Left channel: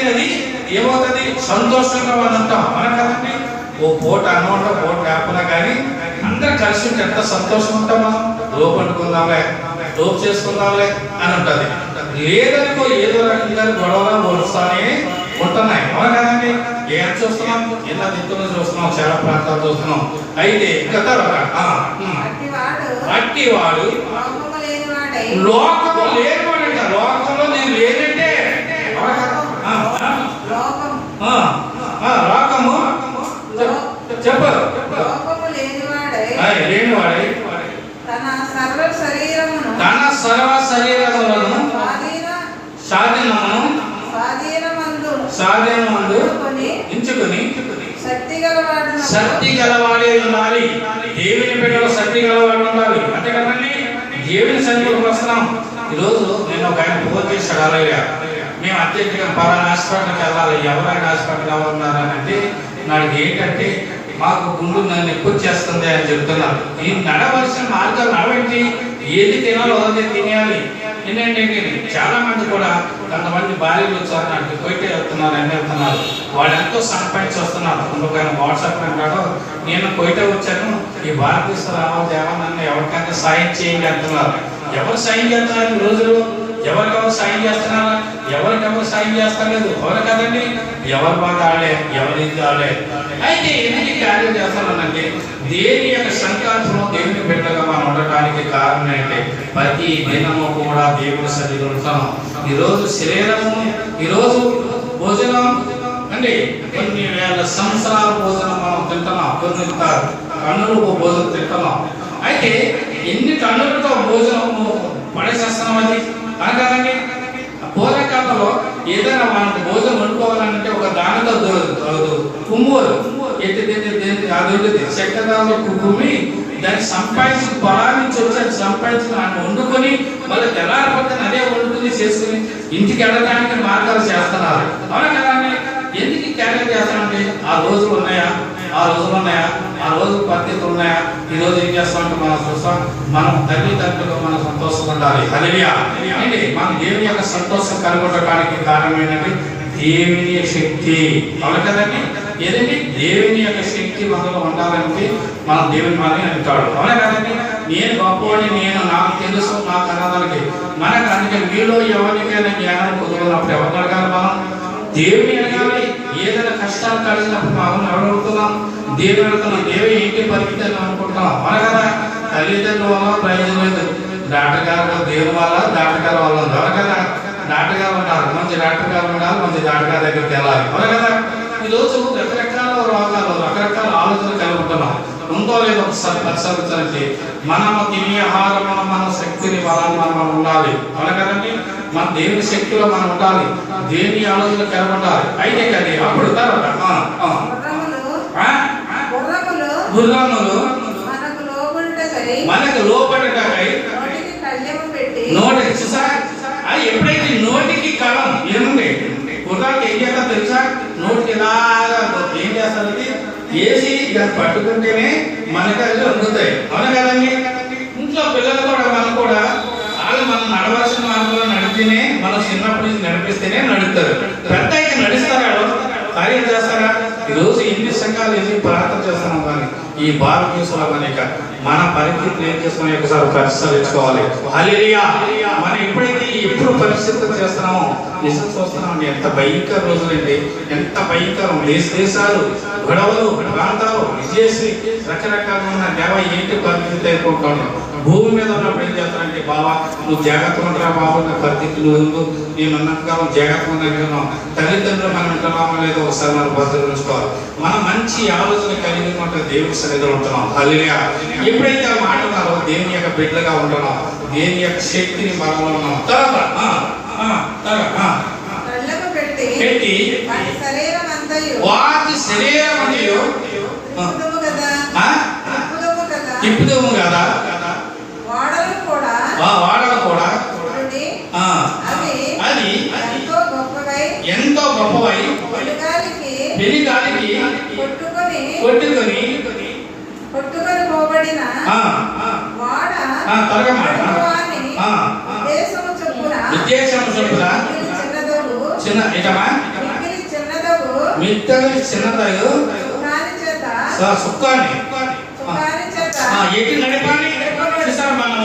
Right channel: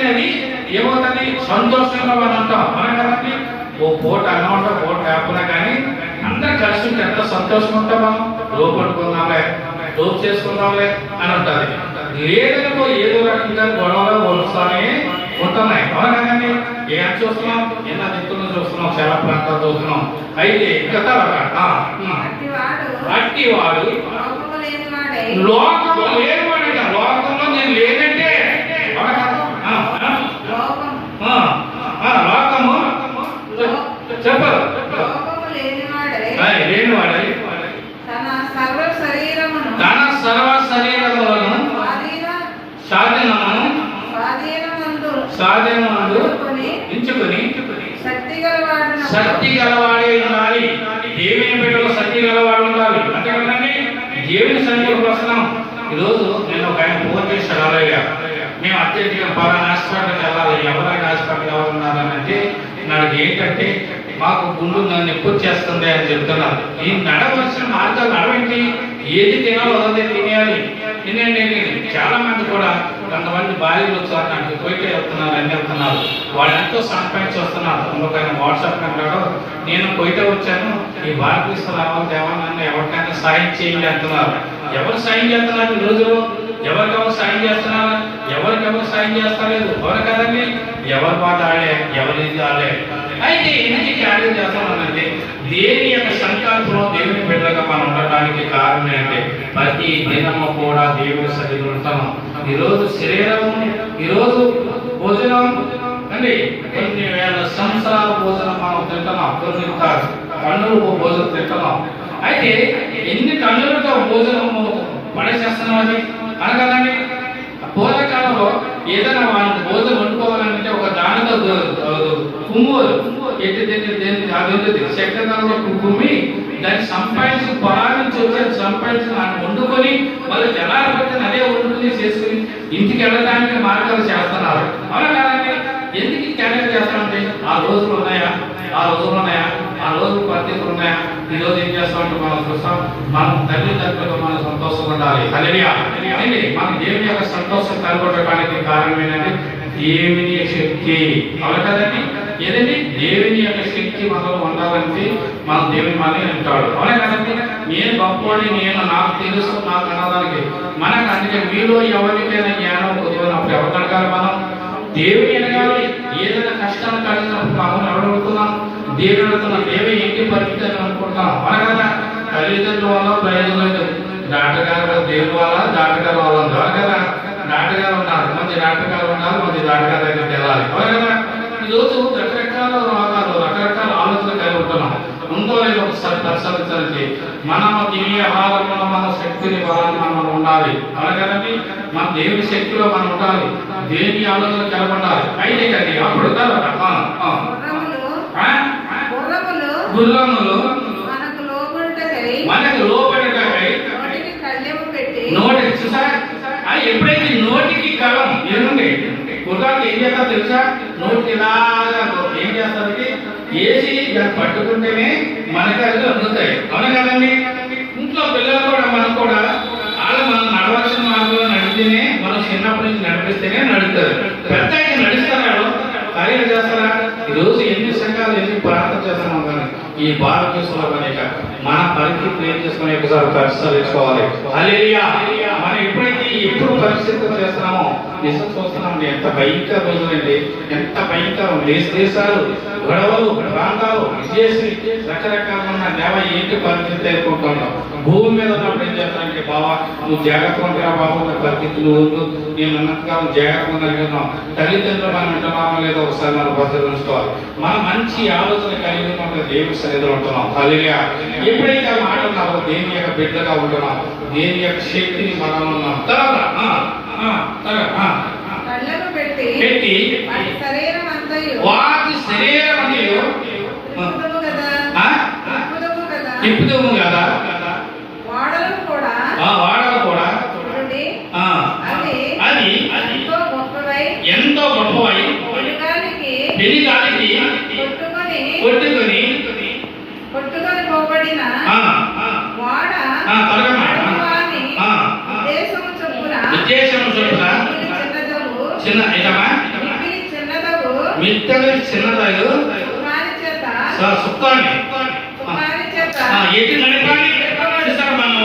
అయినది ఏమవుతుంది? సంతోషంగా మనం ఉంటాం. మనం కదండి ఓ పూట అన్నం పూట లేకుండా కానీ అందరు కలిసి ఉంటే ఎంత సంతోషం ఉంటాం. మనం లోపడుకుందాంలే, లోపు చేసుకుందాంలే అని ఉంటుంది. లేదనుకో ఏదో రకంగా గొడవలు వస్తానే ఉంటున్నాయి. అవును కదండి. ఏం చూస్తున్నాం? ఎలా దిక్కులు చూస్తున్నాం, చాలా ప్రాంతాలు చూస్తున్నాం. అయితే ఇంకా తర్వాత అట్టివాడు లోకంలో లేనివాడు. లోకంలో నేను లేనంటే లోకము చెప్పరు లేనివాడై తన సర్వ శరీరములను స్వాధీనమందు ఎంచుకొని శక్తి గలవాడే ఉండాలి. దేవుని బిడ్డలో శక్తి గలవాడు ఉండాలి. అంతే కదండి. దేవుని సన్నిధికి వస్తున్నాం. ఈరోజు నేను ఒక ఆయన ఫోన్ చేశాడు. అలాగే మేము అత్యధికంగా పలానా హాస్పిటల్కి వెళ్ళాలి, ఎవరైనా హాస్పిటల్ ఉన్నారనంటే నాకు ఏంటంటే మాకు గుండు నన్ను ఎక్కువ చేస్తుంది అని చెప్తున్నారు. ఈ నడవలసిన మార్గాలు నడవండి. ఏది తినాలో అదే తినేయాలి. తినేంటి చాలా మంది కూడా కొంతమంది భార్యలు వచ్చారు, నాకు కోయిట వెళ్తున్నారు అని వెళ్తున్నారు. వాళ్ళు ఎంతో సంపాదించి వస్తున్నారు. ఇంకొక వాట్సాప్ అంటాడు, నేను కోయిట వచ్చాను, ఈ భారతదేశం రావాలి దేవా, నన్ను ఎవరికైనా సాయం చేయండి అంటున్నారు. ఎవరు సాయం చేస్తున్నారు ఈ రోజులో? ఎవరికెవరు సాయం చేస్తున్నారా? ఎవరికెవరు సాయం చేస్తలేదు. ఎవరు కదండి. ఎవరి బాధ ఆడే, ఎవరి ఆడే. అయితే ఎందుకు కార్యం చేస్తానంటే దేని యొక్క సంకల్పంలో దేవుని బిడ్డగా మనం ఉండటానికి కారణం ఏంటంటే ప్రతి దినము కూడా దేవుని సన్నిధిలో ఉంటాం. ఈరోజు శరీరము, ఈరోజు భోజనం అండి, కొన్ని వేల సంవత్సరాల భోజనం మనం తింటున్నాం. కొన్ని కన్నులకు భోజనం తింటున్నాం. అయితే ఎన్ని కన్నులతో భోజనం పడేసేస్తున్నాం అది అనగానే పూర్వకాలంలో ఏదైనా మనం భోజనం వండుకోవాలంటే ఒక దానిలో కుమ్ము అది చక్కదాలో కుమ్మి దాన్ని సంపాదించి పొలాల నుంచి వచ్చి సంపాదించి వండుకొని మళ్ళీ తెల్లారబోతుంది అదే వండుకుని చేసుకుని ఇంటికి వెళ్ళడానికి మార్గాలు చేస్తున్నారు. అవునా కాదండి. ఎందుకు క్యారెట్ చేస్తామంటే ఆ రోజులు ఉన్నాయా, ఆ రోజులు ఉన్నాయా, ఆ రోజులు పరిస్థితులు ఉన్నాయా? ఈ రోజు ఏం చేస్తామంటే మనం చూస్తాం, మనం తల్లిదండ్రులు మనం సంతోషంగా ఉండాలి. హల్లెలూయా. మన దేవుని యొక్క సంతోషం కలుగొట్టడానికి కారణం ఏంటంటే దేవుని శక్తి. అవును కదండి. ఏదండి దేవుని యొక్క శక్తి మనలో ఉండాలంటే మనం దేవుని మాని అంటాడు. అవునా కదండి. నేను గొప్పవాడిని, నేను నాకు తెలుసు, నాకు అనడానికి మనకు అందుకే మీలో ఎవరికైనా జ్ఞానం కుదిరినప్పుడు ఎవరు అడగాలి? మనం దేవుని అడగాలి. ఏదైనా కష్టాలు కలిగినప్పుడు మనం ఎవరడుగుతున్నాం? దేవుని అడుగుతున్నాం. దేవుని ఏంటి పరిస్థితి అని అనుకుంటున్నాం. మన కదా తల్లిదండ్రుల వల్ల ప్రయోజనం లేదు. డాక్టర్ గారు దేవుని వల్ల, డాక్టర్ గారు వల్ల ఉంది. అవును కదా. డాక్టర్ గారు ఉన్నారు, మంచి డాక్టర్ గారు ఉన్నారు, మంచి డాక్టర్ గారి దగ్గరికి వెళ్ళాలి. అవును కదా. ఈరోజు రకరకాల రోగాలు, రకరకాల ఆలోచనలు కలుగుతున్నాం. ఉందో లేదో ఒకసారి పరిశీలించాలంటే మన దివ్య ఆహారంలో మన శక్తిని బలాన్ని మనం ఉండాలి. అవును కదండి. మన దేవుని శక్తిలో మనం ఉండాలి, దేవుని ఆలోచన కలిగి ఉండాలి. అయితే కానీ అప్పుడు గుర్రములు మనకు లోపడటకై నోటి చూసారా? ఎప్పుడైతే నోటికి కలం ఏముంది గుర్రానికి ఏం చేస్తా తెలుసా? నోటికి ఇలా ఏం చేస్తానికి వేసి దాన్ని పట్టుకుంటేనే మనకి అది అందుతాయి. అవును కదండి. ఇంట్లో పిల్లలు కూడా మనం కూడా వాళ్ళు మనం నడవలసిన మార్గంలో నడిస్తేనే, మనం చిన్నప్పటి నుంచి నడిపిస్తేనే నడుస్తారు. పెద్ద అయితే నడుస్తారా? కార్యం చేస్తారా? ఈరోజు ఎన్ని సంఘాలు ఎన్ని ప్రార్థన చేస్తున్నాం కానీ ఈ భారతదేశంలో కనుక మన పరిస్థితులు ఏం చేస్తున్నాం ఒకసారి పరిశీలించుకోవాలి. హల్లెలూయా. మనం ఎప్పుడైతే ఎప్పుడు పరిస్థితులు చేస్తున్నామో నిజం చూస్తున్నాం. ఎంత భయంకర రోజులండి, ఎంత భయంకరం. దేశాలు గొడవలు, ప్రాంతాలు విజేసి రకరకాలుగా ఉన్న దేవ ఏంటి పరిస్థితి అనుకుంటున్నాం. భూమి మీద ఉన్నప్పుడు ఏం చేస్తానంటే బాబా నువ్వు జాగ్రత్తగా ఉంటారా బాబు, నా పరిస్థితులు నేను ఉన్నంతకాలం జాగ్రత్తగా ఉంటున్నాం. తల్లిదండ్రులు మనం ఉంటున్నామా లేదో ఒకసారి మనం పరిశీలించుకోవాలి. మనం మంచి ఆలోచన కలిగి ఉంటే దేవుని సన్నిధిలో ఉంటున్నాం. హల్లెలూయా. ఎప్పుడైతే ఆ మాట ఉన్నారో దేవుని యొక్క బిడ్డగా ఉంటున్నాం, దేవుని యొక్క శక్తిని మనం ఉన్నాం. పెట్టి వాటి శరీరం తిప్పుదము కదా, వాడలు కూడా అది ఎంతో గొప్పవై పెనుగాలికి కొట్టుకొని పోబడిన వాడ ఉద్దేశం చొప్పున చిన్న చిన్నదగు సుక్కాన్ని ఎటు నడిపాలి చూసారు. మనం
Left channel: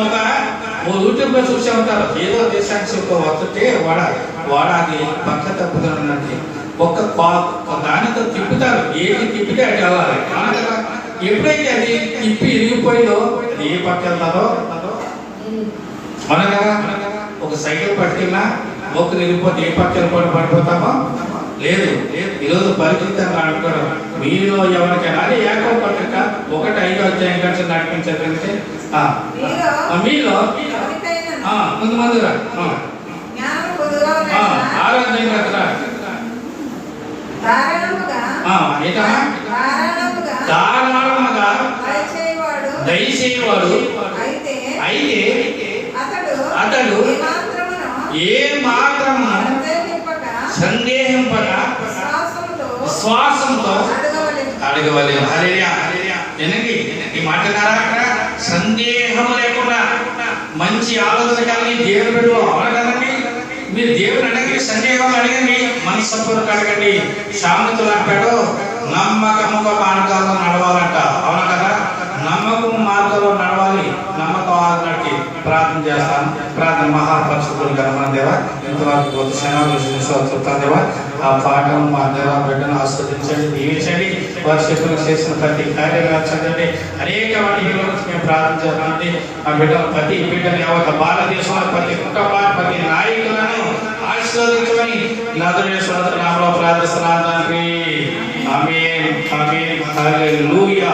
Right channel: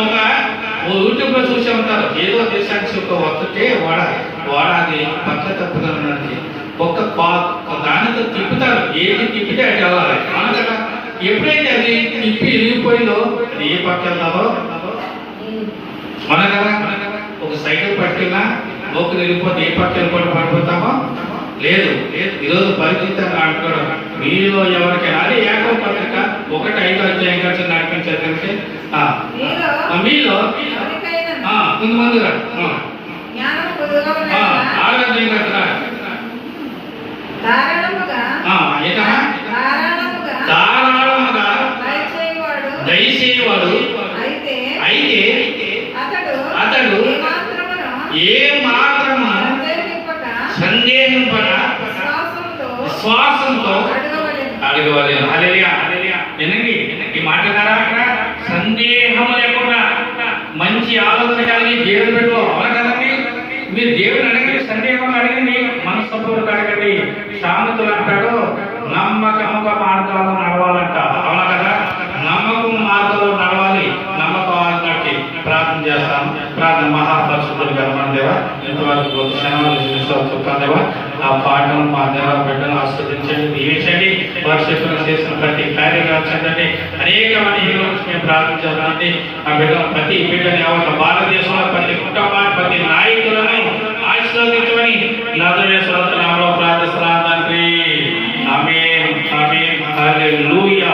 ఓ యూట్యూబ్ లో చూసే ఉంటారు, ఏదో దేశానికి ఒక వత్తుతే వాడ అది పక్క తప్పుతున్నది ఒక్క దానితో తిప్పుతారు, ఏది తిప్పితే అటు వెళ్ళాలి. ఎప్పుడైతే అది తిప్పి ఇరిగిపోయిందో అది ఏ పక్క వెళ్తారో మనగా ఒక సైకిల్ పట్టుకున్నా మొక్కు తిరిగిపోతే ఏ పక్క వెళ్ళిపోవడం పడిపోతామో లేదు. ఈరోజు పరిస్థితులు అంటుకోవడం మీలో ఎవరికైనా అది ఏకో పత్రిక 1:5 అధ్యాయం కలిసి నడిపించేదంటే మీలో కొంతమందిగా ఆరాధన ధారాళముగా దయచేయవాడు అయితే అతడు ఏ మాత్రము సందేహింపక విశ్వాసంతో అడగవలెను. హల్లెలూయా. వినండి ఈ మాట ద్వారా సందేహం లేకుండా మంచి ఆలోచన కలిగి దేవుని బిడ్డలు అవును కదండి. మీరు దేవుని అడగండి, సందేహం అడగండి, మనస్సపూర్వక అడగండి. సామెతలు అంటాడు నమ్మకముగా మార్గాల్లో నడవాలంట. అవును కదా, నమ్మకం మార్గంలో నడవాలి. నమ్మకం ఆగినట్టు ప్రార్థన చేస్తాను. ప్రార్థన మహాపరిశుద్ధులు గల దేవ, ఎంతవరకు కొత్త శ్రమ చెప్తాను దేవ. ఆ పాటను మా దేవ బిడ్డను ఆస్వాదించండి, దీవించండి. వారు చెప్పిన చేసిన ప్రతి కార్యక్రమం అనేక వాటి మేము ప్రార్థించాలంటే ఆ బిడ్డను ప్రతి బిడ్డని భారతదేశంలో ప్రతి కుటుంబాన్ని ప్రతి నాయకులను ఆశీర్వదించమని నామములో ప్రార్థిస్తున్నాను తండ్రి. ఆమేన్ ఆమేన్ హల్లెలూయా.